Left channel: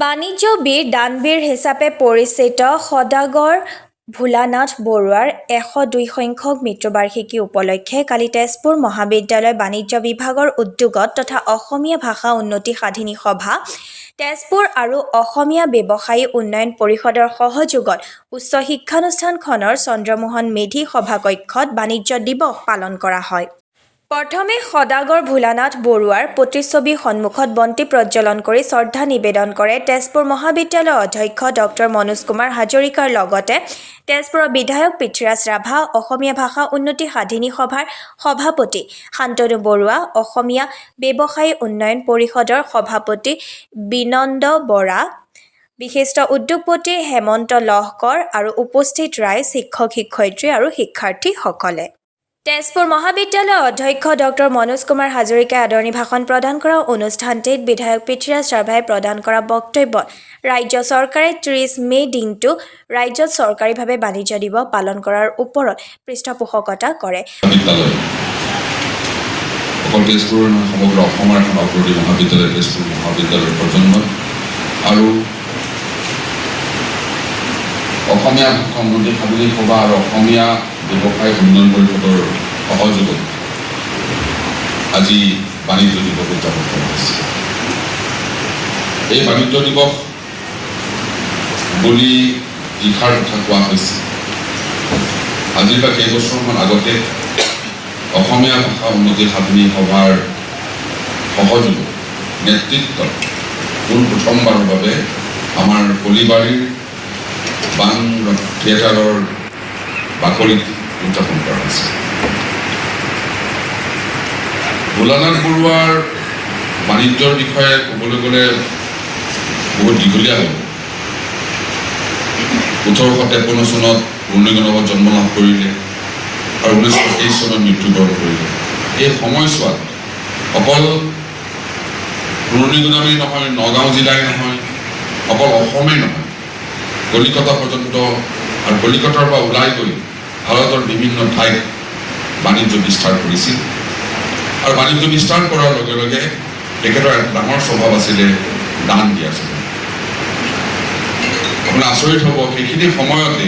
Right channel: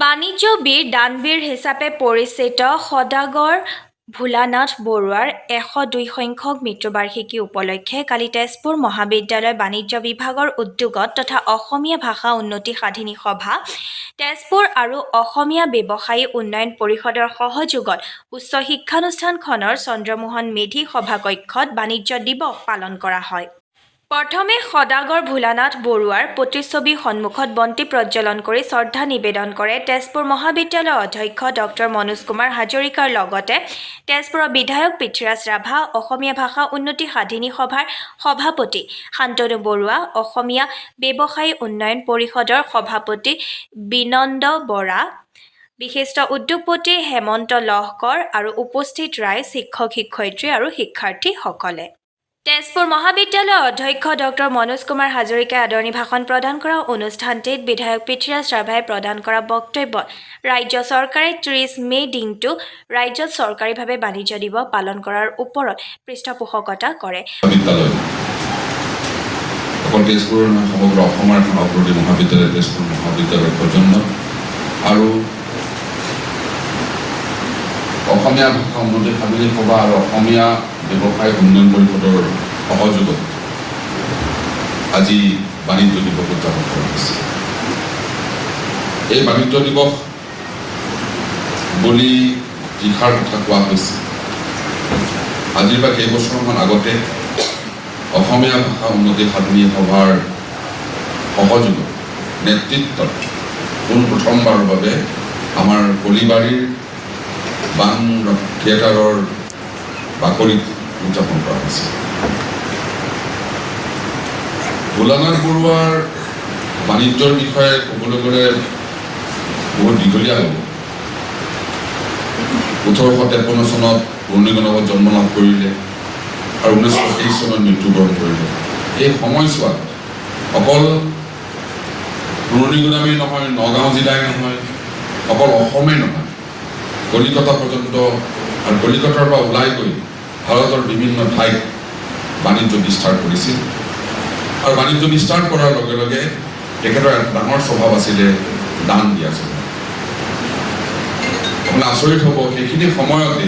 বাণিজ্য বীৰ দানবীৰ হিচাপে পৰিচিত সদাগৰ ভোলানাথ বৰুৱাৰ ১০২ সংখ্যক মৃত্যুবাৰ্ষিকী উপলক্ষে কালি তেজপুৰ মহাবিদ্যালয় বাণিজ্য বিভাগৰ উদ্যোগত তথা অসমীয়া ভাষা উন্নতি সাধিনী সভা তেজপুৰ আৰু অসমীয়া ব্যৱসায়ী উন্নয়ন পৰিষদৰ সহযোগত উচ্চ শিক্ষানুষ্ঠানখনৰ চন্দ্ৰমোহন মেধি সভাকক্ষত বাণিজ্য দিৱস পালন কৰা হয়। প্ৰথমে সদাগৰ ভোলানাথ বৰুৱাৰ প্ৰতিচ্ছবি সন্মুখত বন্তি প্ৰজ্বলন কৰি শ্ৰদ্ধা নিবেদন কৰে তেজপুৰ মহাবিদ্যালয়ৰ অধ্যক্ষ ডক্টৰ মনোজ কুমাৰ হাজৰিকাৰ লগতে তেজপুৰৰ বিধায়ক পৃথ্বীৰাজ ৰাভা, অসমীয়া ভাষা উন্নতি সাধিনী সভাৰ সভাপতি শান্তনু বৰুৱা, অসমীয়া ব্যৱসায়ী উন্নয়ন পৰিষদৰ সভাপতি বিনন্দ বৰা, বিশিষ্ট উদ্যোগপতি হেমন্ত লহকৰ আৰু উপস্থিত ৰাইজ, শিক্ষক-শিক্ষয়িত্ৰী আৰু শিক্ষাৰ্থীসকলে। তেজপুৰ মহাবিদ্যালয়ৰ অধ্যক্ষ ডক্টৰ মনোজ কুমাৰ হাজৰিকাই আদৰণি ভাষণ প্ৰদান কৰা অনুষ্ঠানটিত বিধায়ক পৃথ্বীৰাজ ৰাভাই প্ৰদান কৰা বক্তব্যত ৰাজ্য চৰকাৰে ৩০ মে' দিনটো ৰাজ্যত চৰকাৰীভাৱে বাণিজ্য দিৱস পালন কৰাৰ ওপৰত পৃষ্ঠপোষকতা কৰে। তেজপুৰৰ সমগ্ৰ অসমৰ এখন অগ্ৰণী মহাবিদ্যালয় তেজপুৰ মহাবিদ্যালয়ৰ প্ৰজন্ম আৰু অসমীয়া ভাষা উন্নতি সাধিনী সভা আৰু অসমীয়া ব্যৱসায় উন্নয়ন পৰিষদৰ সহযোগত আজি বাণিজ্য দিৱস উদযাপন কৰা হৈছে। এই বাণিজ্য দিৱস বুলি দিশাৰ কথা কোৱা হৈছে। আজিৰ বা কেইবছৰমান আগতে অসমীয়া ভাষা উন্নতি সাধিনী সভাৰ সহযোগত নেতৃত্বত পোনপ্ৰথমবাৰৰ বাবে আমাৰ কলিবাৰীৰ বান থিয়েটাৰৰ বাকৰিত উদযাপন কৰা হৈছে। ভোলানাথ বৰুৱাৰ বাণিজ্যৰ বিষয়ে ক'বলৈ গ'লে বহুত দীঘলীয়া হ'ব। ১৮৫৩ চনত পুৰণিগণত জন্ম লাভ কৰিলে আৰু ১৯২৩ চনত মৃত্যুবৰণ কৰিলে। এই সময়ছোৱাত অকল পুৰণিগুদামেই নহয়, নগাঁও জিলাই নহয়, অকল অসমেই নহয়, কলিকতা পৰ্যন্ত আৰু কলিকতাৰ পৰা ওলাই গৈ ভাৰতৰ বিভিন্ন ঠাইত বাণিজ্য বিস্তাৰ কৰিছিল আৰু বাণিজ্য বিস্তাৰ কৰাৰ লগে লগে তেখেতৰ ডাঙৰ স্বভাৱ আছিলে দান দিয়া স্বভাৱ। আপোনাৰ আচৰিত হ'ব, সেইখিনি সময়তে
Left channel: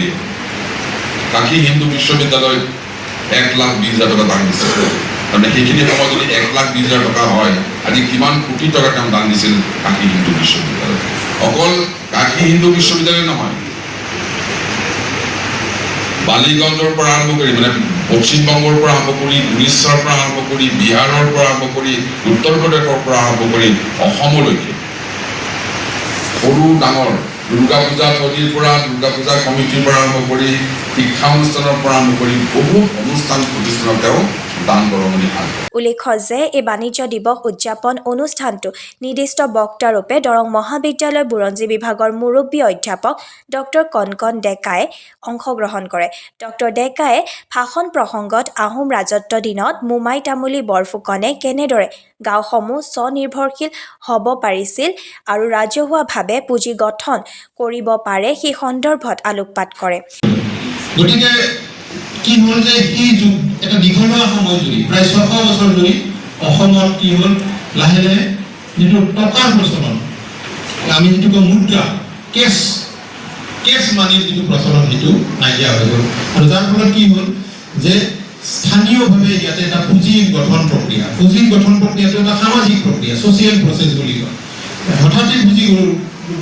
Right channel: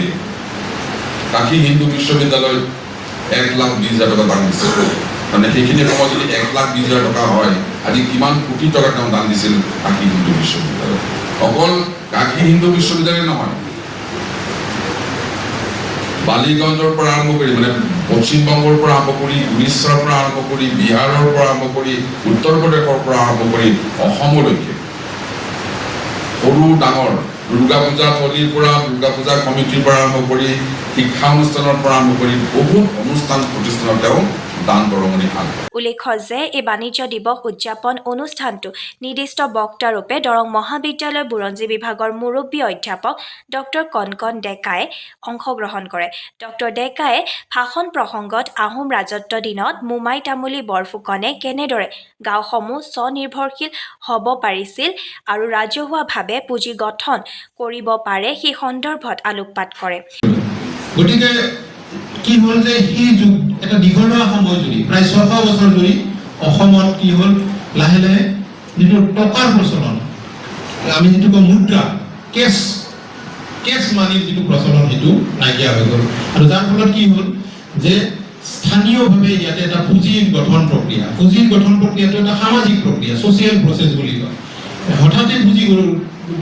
কাশী হিন্দু বিশ্ববিদ্যালয়ত ১,২০,০০০ টকা দান দিছিল। মানে সেইখিনি সময়ত যদি ১,২০,০০০ টকা হয়, আজি কিমান কোটি টকা তেওঁ দান দিছিল কাশী হিন্দু বিশ্ববিদ্যালয়ত। অকল কাশী হিন্দু বিশ্ববিদ্যালয় নহয়, বালিগঞ্জৰ পৰা আৰম্ভ কৰি মানে পশ্চিমবংগৰ পৰা আৰম্ভ কৰি, উৰিষ্যাৰ পৰা আৰম্ভ কৰি, বিহাৰৰ পৰা আৰম্ভ কৰি, উত্তৰ প্ৰদেশৰ পৰা আৰম্ভ কৰি অসমলৈকে সৰু ডাঙৰ দুৰ্গা পূজা থলীৰ পৰা, দুৰ্গা পূজা কমিটিৰ পৰা আৰম্ভ কৰি, শিক্ষানুষ্ঠানৰ পৰা আৰম্ভ কৰি বহুত অনুষ্ঠান প্ৰতিষ্ঠানত তেওঁ দান বৰঙণি পায়। উল্লেখ্য যে এই বাণিজ্য দিৱস উদযাপন অনুষ্ঠানটো নিৰ্দিষ্ট বক্তাৰূপে দৰং মহাবিদ্যালয় বুৰঞ্জী বিভাগৰ মুৰব্বী অধ্যাপক ডক্টৰ কণকণ ডেকাই অংশগ্ৰহণ কৰে। ডক্টৰ ডেকায়ে ভাষণ প্ৰসংগত আহোম ৰাজত্ব দিনত মোমাই তামুলী বৰফুকনে কেনেদৰে গাঁওসমূহ স্বনিৰ্ভৰশীল হ'ব পাৰিছিল আৰু ৰাজহুৱাভাৱে পুঁজি গঠন কৰিব পাৰে সেই সন্দৰ্ভত আলোকপাত কৰে। গতিকে কি হ'ল যে সেই যুগ এটা দীঘলীয়া সময় জুৰি প্ৰায় ৬০০ বছৰ জুৰি অসমত কি হ'ল লাহে লাহে যিটো টকাৰ প্ৰচলন, আমি যিটো কওঁ মুদ্ৰা, কেছ মানিৰ যিটো প্ৰচলন সেইটো নাইকিয়া হৈ গ'ল আৰু যাৰ ফলত কি হ'ল যে স্থানীয়ভাৱে ইয়াতে এটা পুঁজি গঠন প্ৰক্ৰিয়া, পুঁজিৰ গঠন প্ৰক্ৰিয়াটো এটা সামাজিক প্ৰক্ৰিয়া, ছ'চিয়েল প্ৰচেছ বুলি কয়। হঠাতে পুঁজি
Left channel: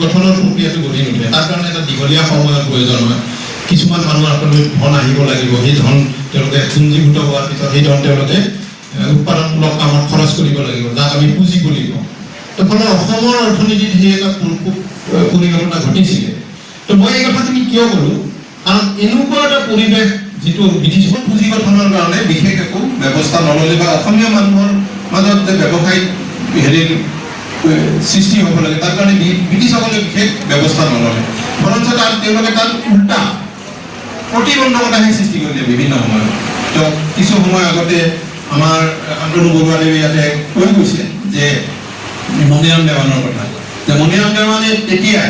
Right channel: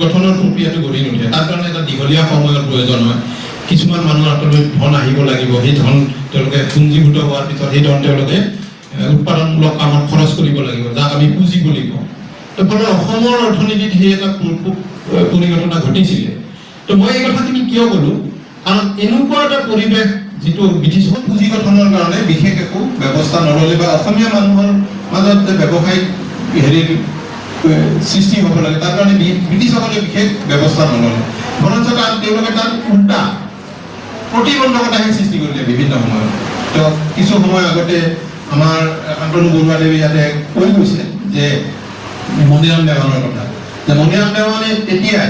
গঠনৰ প্ৰক্ৰিয়াটো গঢ়ি নুঠে, তাৰ কাৰণে এটা দীঘলীয়া সময়ৰ প্ৰয়োজন হয়। কিছুমান মানুহৰ হাতলৈ ধন আহিব লাগিব, সেই ধন তেওঁলোকে পুঞ্জীভূত হোৱাৰ পিছত সেই ধন তেওঁলোকে উৎপাদনমূলক কামত খৰচ কৰিব লাগিব, যাক আমি পুঁজি বুলি কওঁ। তো ফলত অসমৰ অৰ্থনীতিত সেই এটা পৰিঘটনা ঘটিছিলে। তো মই এই কথাখিনি কিয় ক'লোঁ, কাৰণ এনেকুৱা এটা পৰিৱেশ যিটো ব্ৰিটিছ পুঁজি গঠনৰ কাৰণে বিশেষ একো ব্যৱস্থা নল'লে বা অসমীয়া মানুহৰ মাজত যে ব্যৱসায়িক সৃষ্টি হ'ব লাগে তাৰ কাৰণে ব্ৰিটিছসকলে বিশেষ ব্যৱস্থা নল'লে, বৰঞ্চ তেওঁলোকে তাত উল্টা প্ৰতিবন্ধকতাহে সৃষ্টি কৰিলে বিভিন্ন সময়ত। তো কিছু সময় আগতে আমাৰ শান্তনু বৰুৱাদেৱে ইয়াতে কৈ গৈছে যে মণিৰাম দেৱানৰ কথা, যে মণিৰাম দেৱানে তেতিয়াই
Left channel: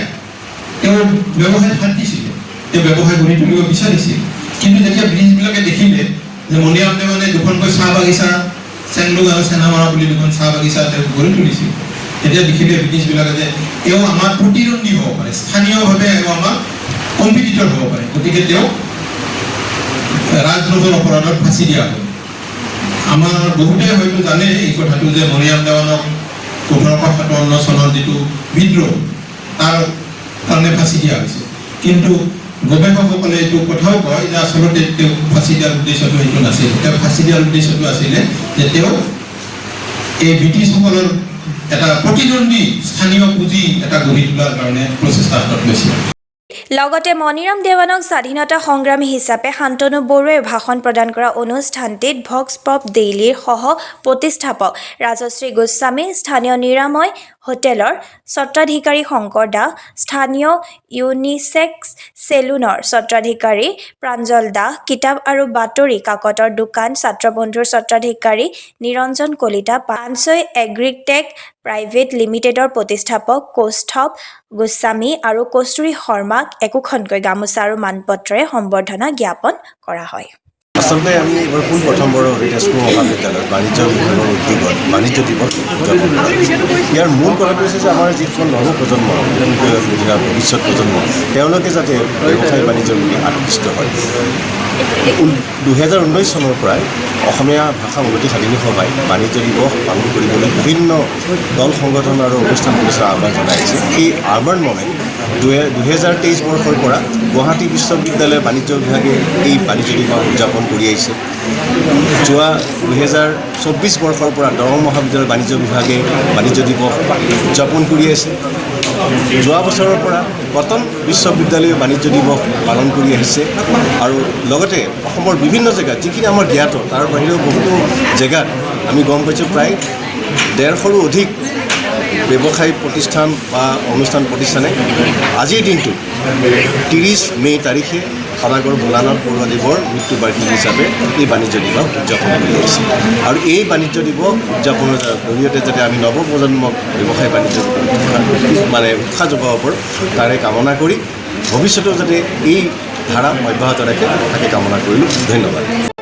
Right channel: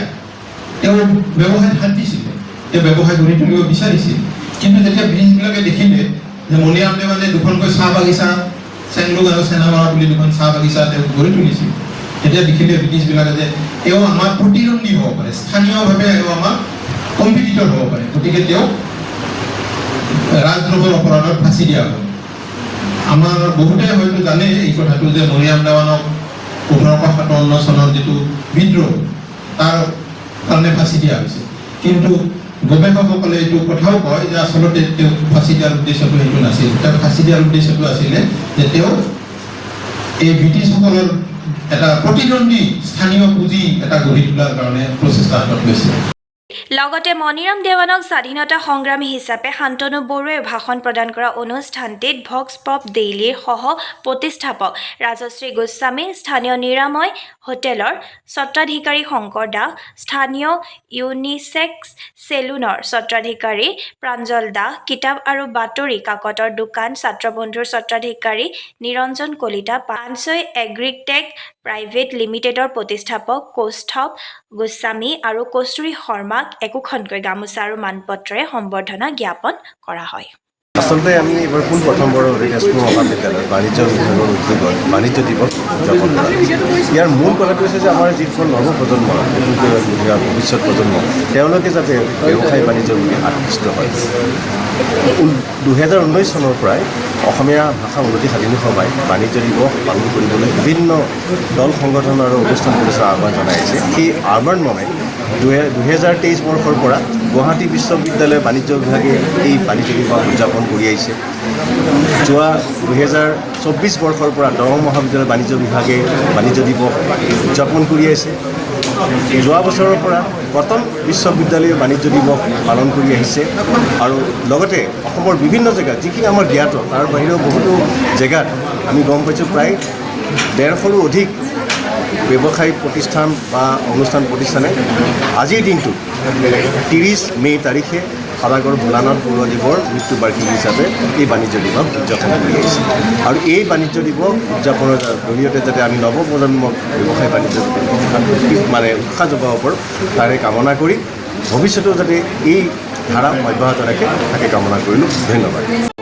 তেওঁ ব্যৱসায়ত হাত দিছিলে, তেওঁ ব্যৱসায় গঢ়ি তুলিব বিচাৰিছিল। কিন্তু যেতিয়া ব্ৰিটিছবিলাকে দেখিলে যে মণিৰাম দেৱানে দুখনকৈ চাহ বাগিচা, চেংলুং আৰু চেনামৰা বুলি দুখন চাহ বাগিচা তেওঁ গঢ়ি তুলিছিল, তেতিয়া দেখিলে ব্ৰিটিছবিলাকে যে এও আমাৰ প্ৰতিদ্বন্দ্বী হ'ব পাৰে, স্থানীয়ভাৱে এও আমাৰ কম্পিটিটৰ হ'ব পাৰে, গতিকে তেওঁ ৰাজদ্ৰোহৰ অপৰাধত ফাঁচি দিয়া হ'ল। আমাৰ বহুতে হয়তো জানে এই কথাটো যে মৰিয়াম দেৱানক 1857 চনৰ যিটো বিদ্ৰোহ তাৰ কাৰণে ফাঁচি দিয়া হৈছে, কিন্তু গৱেষকসকলে এইটো কথাও কয় যে আচলতে তেওঁ ফাঁচি দিয়াৰ উদ্দেশ্যটো সেইটো নাছিল। তেওঁ ফাঁচি দিয়াৰ উদ্দেশ্যটো আছিলে যে তেওঁ এই ব্ৰিটিছসকলৰ এটা প্ৰতিদ্বন্দ্বী স্থানীয় পুঁজি এটা গঢ়ি তোলাৰ কাৰণে প্ৰচেষ্টা হাতত লৈছিল। লগতে মণিৰাম দেৱানক স্বাধীনতা সংগ্ৰামী হিচাপে শান্তনু বৰুৱাই ভাষণ প্ৰদান কৰা অনুষ্ঠানটিত ভক্স পপ ডেইলিৰ সহ প্ৰতিষ্ঠাপক ৰাজশ্ৰী গোস্বামী, স্থানীয় নিৰাময় হোটেলৰ স্বত্বাধিকাৰী শংকৰ দাস, স্থানীয় ইউনিচেক্স চেলুনৰ স্বত্বাধিকাৰী প্ৰাঞ্জল দাস, কিতাপ আৰু বাতৰি কাকতৰ দোকান ছাত্ৰবন্ধুৰ স্বত্বাধিকাৰী নিৰঞ্জন কলিতা, পানছৈ এগ্ৰিটেক প্ৰাইভেট লিমিটেডৰ প্ৰতিষ্ঠাপক কৌষ্ঠৱ গোস্বামী আৰু কস্তুৰী শৰ্মাক একোখনকৈ গামোচা আৰু মানপত্ৰৰে সম্বৰ্ধনা জ্ঞাপন কৰা হয়। আচলতে আমি এবাৰ পোনপ্ৰথমবাৰ তেজপুৰ মহাবিদ্যালয় বাণিজ্য বিভাগৰ উদ্যোগত বাণিজ্য দিৱস উদযাপন কৰা হৈছে। ইয়াৰ মূল কথাটো হৈছে যে আমাৰ যিখন নৱপ্ৰজন্ম, ভৱিষ্যত প্ৰজন্ম, তেওঁলোকে যাতে ব্যৱসায় বাণিজ্যৰ প্ৰতি আকৃষ্ট হয়। 2019 চনৰ পৰাই অসমীয়া ভাষা উন্নতি সাধনী সভাই বাণিজ্য দিৱস পালন কৰিবলৈ বিভিন্ন দল সংগঠন আৰু অনুষ্ঠান প্ৰতিষ্ঠান আহ্বান জনাইছে। এই আহ্বান মৰ্মে 2023 বৰ্ষৰ পৰা গুৱাহাটী বিশ্ববিদ্যালয় বাণিজ্য বিভাগে এই বাণিজ্য দিৱস উদযাপন কৰি আহিছে। যোৱা 2024 বৰ্ষৰ পৰা দৰং মহাবিদ্যালয় বাণিজ্য বিভাগে বাণিজ্য দিৱস উদযাপন কৰি আছে। যোৱা বছৰৰ পৰা কটন বিশ্ববিদ্যালয়ে বাণিজ্য দিৱস পালন কৰি আহিছে আৰু লগতে অসমৰ বিভিন্ন জেগাত যিখিনি আমাৰ জ্ঞাত তাৰ বাহিৰেও বহুতো জেগাত আমি গম পাইছোঁ প্ৰায় 150ৰো অধিক ব্যৱসায়িক প্ৰতিষ্ঠান বা অনুষ্ঠান প্ৰতিষ্ঠানে আজিৰ দিনটো 30 মে' তাৰিখে সদাগৰ ভোলানাথ বৰুৱাদেৱৰ মৃত্যু বাৰ্ষিকী হিচাপে এই বাণিজ্য দিৱস উদযাপন কৰি আহিছে। আৰু এই বাণিজ্য দিৱস উদযাপনৰ জৰিয়তে যাতে আমি নৱপ্ৰজন্মক ব্যৱসায় বাণিজ্য উৎসাহ যোগাব পাৰোঁ তাৰে কামনা কৰি ভৱিষ্যতেও যাতে এই ধাৰা অব্যাহত ৰাখে তাকে কামনা কৰিলোঁ। ধন্যবাদ।